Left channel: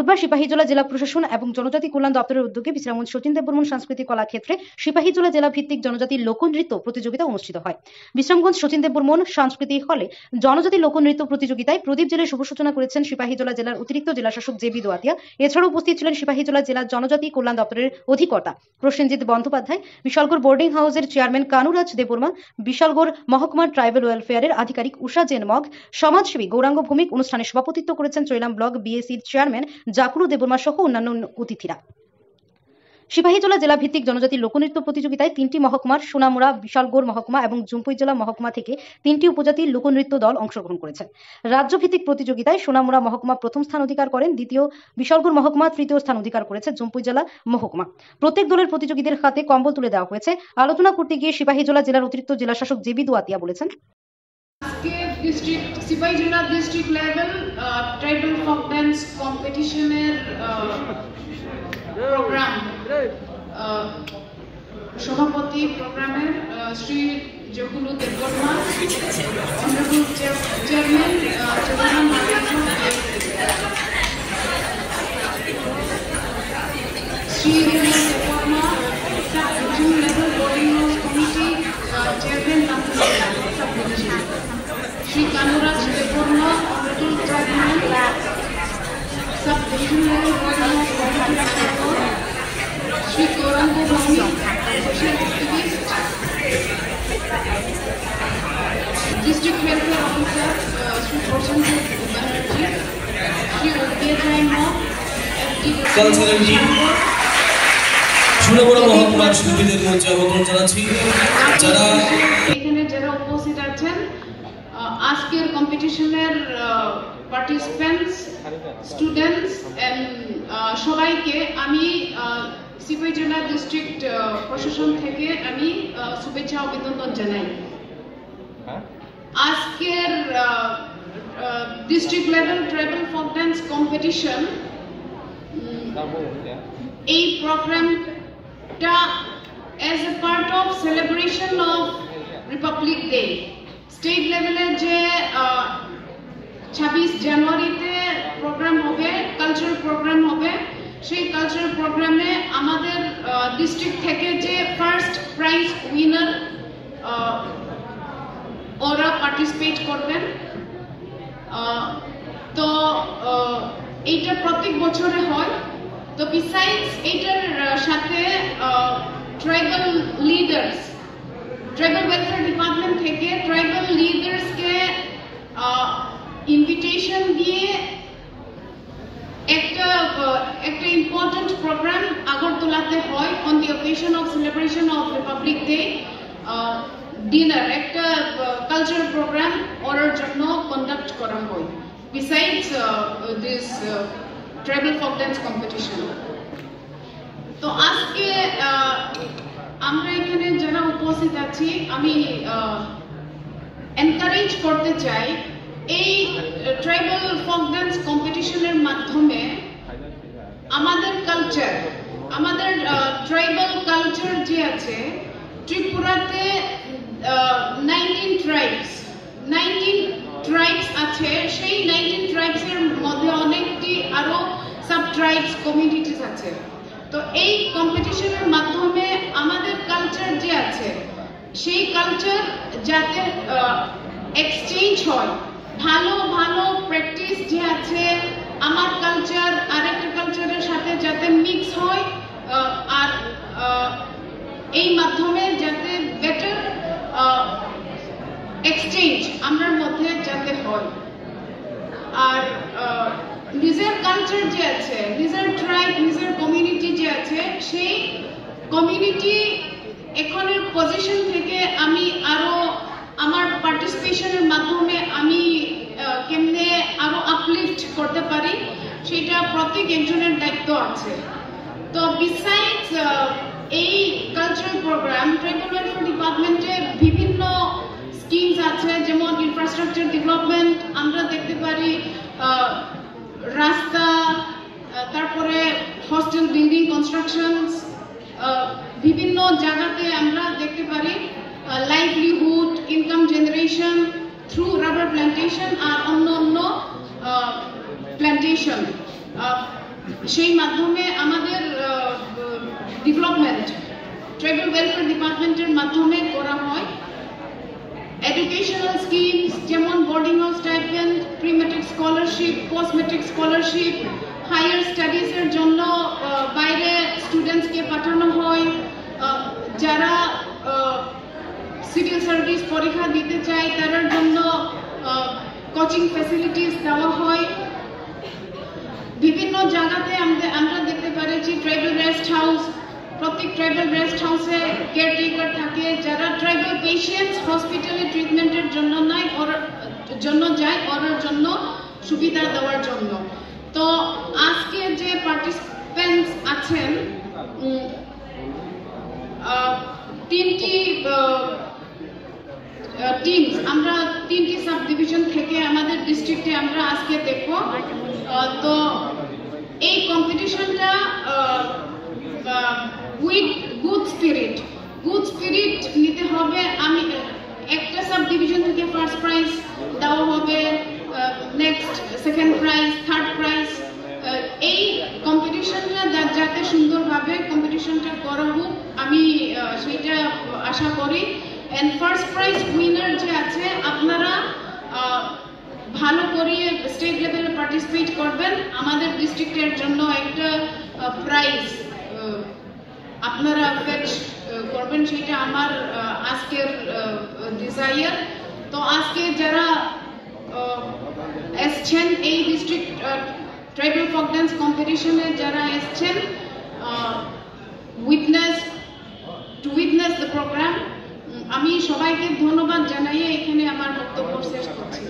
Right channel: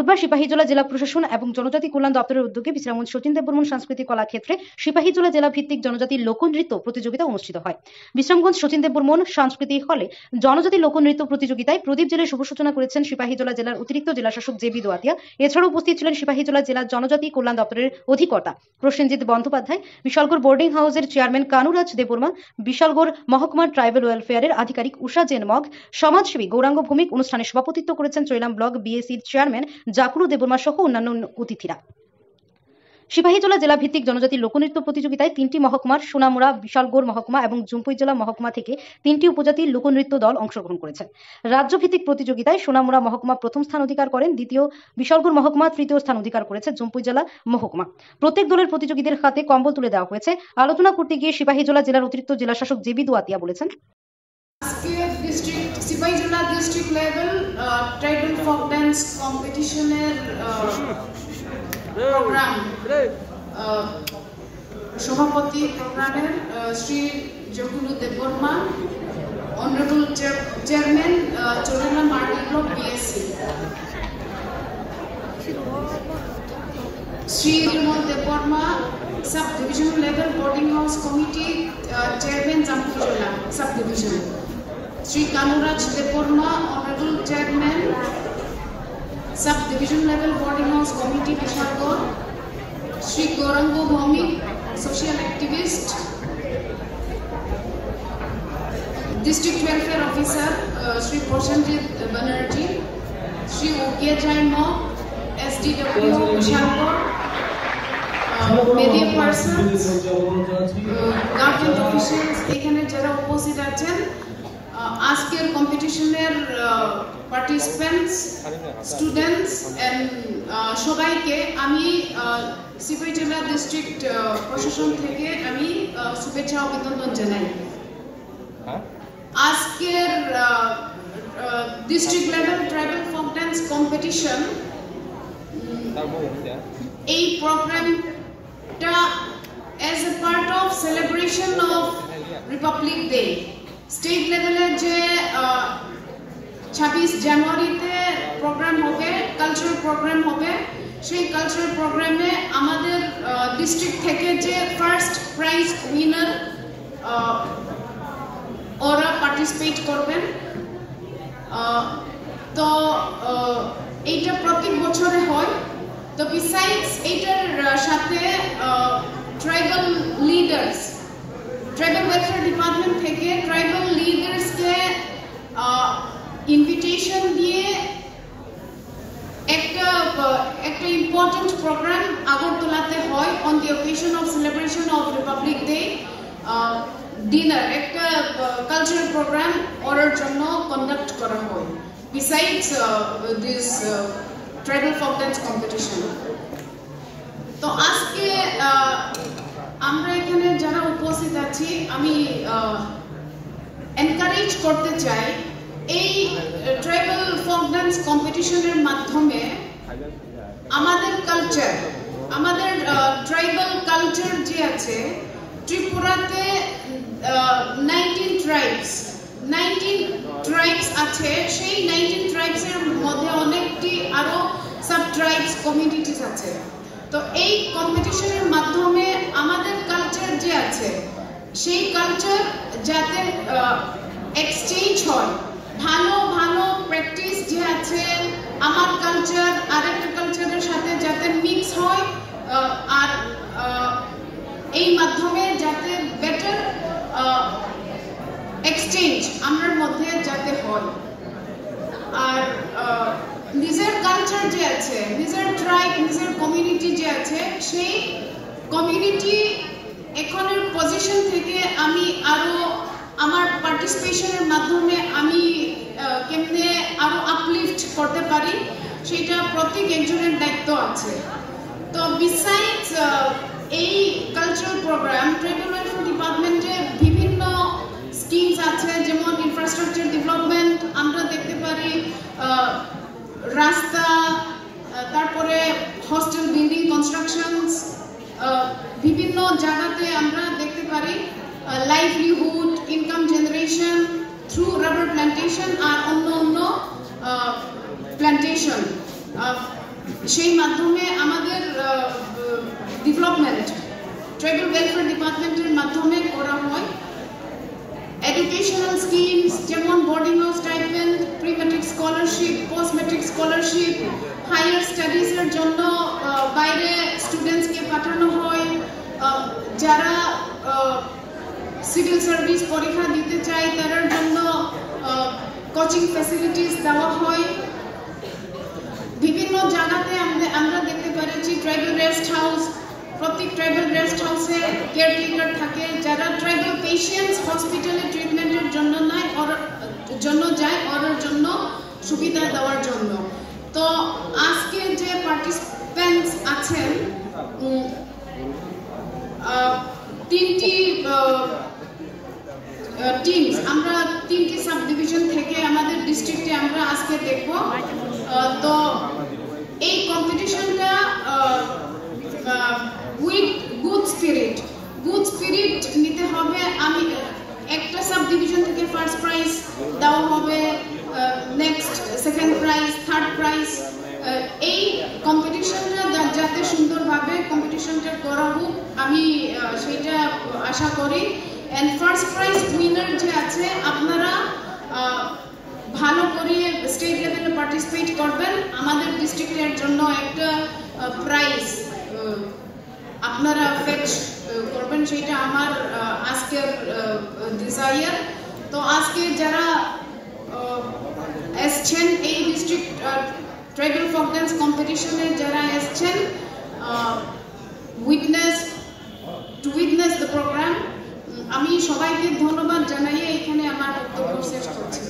বুধবার সিপাহীজলা জেলা প্রশাসন এবং জনজাতি কল্যাণ দপ্তরের উদ্যোগে বিশ্রামগঞ্জ শচীন দেববর্মন সাংস্কৃতিক কলাক্ষেত্রে সিপাহীজলা জেলা ভিত্তিক জনজাতি লোকনৃত্য প্রতিযোগিতা অনুষ্ঠিত হয়। বিশ্রামগঞ্জ শচীন দেববর্মন সাংস্কৃতিক হলে জনজাতি লোকনৃত্য প্রতিযোগিতায় প্রদীপ জেলে শুভ সূচনা করেছেন সিপাহীজলা জেলার অতিরিক্ত জেলাশাসক জেবি দোয়াতিয়া। এছাড়াও উপস্থিত ছিলেন সিপাহীজলা জেলা জনজাতি কল্যাণ দপ্তরের অধিকর্তা প্রসেনজিৎ বন্দ্যোপাধ্যায়, বিশালগড় বোর্ডিং হাউসের চেয়ারম্যান কানুরাজ দেববর্মা, বিশালগড় মহকুমার ট্রাইবাল ওয়েলফেয়ারের আধিকারিক উষা জেন মগ, সমাজসেবী গৌরাঙ্গ ভৌমিক। অনুষ্ঠানে সভাপতিত্ব করেছেন চৈলাম ব্লক বিএসির চেয়ারম্যান জাকুরু দেববর্মা সহ অন্যান্য অতিথিরা। সিপাহীজলা জেলা ভিত্তিক জনজাতি লোকনৃত্য প্রতিযোগিতায় 3টি মহকুমার সোনামুড়া, বিশালগড় মহকুমা এবং জুমপুইজলা মহকুমা থেকে 3টি উপজাতির লোকনৃত্য দল অংশগ্রহণ করেছে। রাজ্য ভিত্তিক প্রতিযোগিতায় সোনামুড়া মহকুমা প্রথম স্থান অধিকার করেন, দ্বিতীয় বিশালগড় মহকুমা, তৃতীয় স্থান অধিকার করেছে জুমপুইজলা মহকুমা। প্রত্যেক দলের প্রতিযোগীদের হাতে কম্বল তুলে দেওয়া হয়েছে। আলোচনা করতে গিয়ে সিপাহীজলা জেলার অতিরিক্ত জেলাশাসক জেবি দোয়াতিয়া বলেছেন, district Sepahijala district level tribal folk dance কম্পিটিশনের প্রোগ্রাম সভাপতি প্রোগ্রামের Shri Jakuru Debbarma, honourable chairman Chauram block BSC, Shri Rimal Debbarma, sub division level boarding house committee chairman Jampuijala sub division, Shri Kanuraj Debbarma, honourable chairman sub division level boarding house committee Bishalgarh, Shri Gouranga Bhowmik, social activist, district welfare officer Shri Prasenjit Banerjee, Shri OK Joy Mog, SD এখানে যারা উপস্থিত আছেন, আজকের কম্পিটিশনের participants, students and সবাইকে আমি Sepahijala district প্রশাসন থেকে আমি শুভেচ্ছা অভিনন্দন জানাই। আজকের district level tribal folk dance competition, এই প্রোগ্রামটা as a part of celebration of Republic day, state লেভেলে যে 26 জানুয়ারিতে প্রোগ্রাম হবে, কালচারাল প্রোগ্রাম হবে, সেই কালচারাল প্রোগ্রামে আমাদের ডিস্ট্রিক্ট থেকে যে ফার্স্ট প্রাইজ উইনার ওরা পার্টিসিপেট করবেন। তো এইটা প্রত্যেক বছরে হয়। তো বিসাইডস এইটার সাথে tribal leaders, tribal welfare department থেকে ট্রাইবাল লিডার্সকে ইনভিটেশন দিয়ে একটা ইম্পর্টেন্ট প্রোগ্রাম আগরতলাতে হয় on the occasion of celebration of Republic day. Dinner, একটা কালচারাল প্রোগ্রাম ওর জন্য কন্ডাক্ট করা হয় besides this tribal folk dance competition. তো আজকে আমরা এখানে যারা উপস্থিত আছি, আমি এনকারেজ করতে চাই এই ট্রাইবাল ফোক ডান্স কম্পিটিশনের মাধ্যমে আমাদের কালচার, আমাদের ট্রাইবাল কালচার যে আছে, ত্রিপুরাতে 19 ট্রাইবস আছে, সেই 19 ট্রাইবসের মধ্যে অনেকটি আরো সাব ট্রাইবস কমিউনিটিস আছে। তো এই কম্পিটিশনের মাধ্যমে আমাদের কালচার যে আছে, সেই কালচার যাতে এক্সচেঞ্জ হয়, ভালো ভালো প্র্যাকটিস যে আছে, আমার কালচার আরেকটা কালচারের সাথে যাতে মিক্স হয়, আর এই মাধ্যমে যাতে বেটার এক্সচেঞ্জ আমার মধ্যে যাতে হয়। আর নিজের কালচার যে আছে, নিজের ট্রাইব, নিজের কমিউনিটি যে আছে, সেই কমিউনিটি এখনের পজিশন থেকে আমি আরো আমার পার্টিসিপেশনের মাধ্যমে আমি কেমনে আরো আপলিফট করতে পারি, সেটা প্রত্যেক একজনের দায়িত্ব আছে। তো বিসাইডস এই কালচারাল প্রোগ্রাম, ট্রাইবাল ওয়েলফেয়ার ডিপার্টমেন্টে বিভিন্ন স্কিমস আছে, যেমন ইনফ্রাস্ট্রাকচার ডেভেলপমেন্ট, আমরা দেখতে পারি রাস্তা, তারপরে হস্টেল বিল্ডিং কনস্ট্রাকশনস, বিভিন্ন জায়গাতে আমরা দেখতে পারি livelihood, income generation through rubber plantation আর অন্য অন্য প্ল্যান্টেশন। সেই মাধ্যমে আমাদের ডেভেলপমেন্ট ট্রাইবাল ওয়েলফেয়ার ডিপার্টমেন্টের মাধ্যমে করা হয়। এডুকেশনাল স্কিমস যেমন boarding house stipend, pre matric scholarship, post matric scholarship, higher স্টাডিজের জন্য বাইরে স্টুডেন্টসকে পাঠানো হয়। যারা সিভিল সার্ভিস পরীক্ষা দিতে চায় তাদের জন্য কোচিং ফ্যাসিলিটিস দেওয়া হয়। বিভিন্ন জায়গাতে আমরা দেখতে পাচ্ছি ট্রাইবাল রেস্ট হাউস, প্রত্যেক ট্রাইবাল রেস্ট হাউসে কেয়ারটেকার থাকে যারা ট্রাইবাল পেশেন্টস হসপিটালে ট্রিটমেন্টের জন্য যায় ওদের জন্য সুবিধা দেওয়ার জন্য। তো আজকে যে পার্টিসিপেন্টস আছেন তিনটি টিমস, আমরা তিনটি সাব ডিভিশন থেকে আমাদের ডিস্ট্রিক্টে আমরা আজকে দেখব। তো এই কম্পিটিশনটা উইথ গুড স্পিরিট নিতে হবে। আমি একটা সাব ডিভিশন থেকে ফার্স্ট প্রাইজ দেওয়া হবে, next second prize, third prize. এই কম্পিটিশনটা যাতে সুন্দরভাবে কম্পিটিশনটা করা হোক আমি সেটা আশা করি। এন্ড ফার্স্ট প্রাইজ উইনার যে আছে আপনারা ভালো করে স্টেট লেভেলে পার্টিসিপেট করবেন। আমাদের ডিস্ট্রিক্টের জন্য একটা প্রাইজ আপনারা ফেচ করবেন, সেটা আমার আজকের ডিজায়ার। তো আজকে যারা এসছেন এই ডিস্ট্রিক্ট ট্রাইবাল ফোক ডান্স কম্পিটিশনে যারা এসছেন টু উইটনেস দ্য প্রোগ্রাম, আমি সবাইকে ধন্যবাদ জানাই এখানে আমার বক্তব্য শেষ করছি।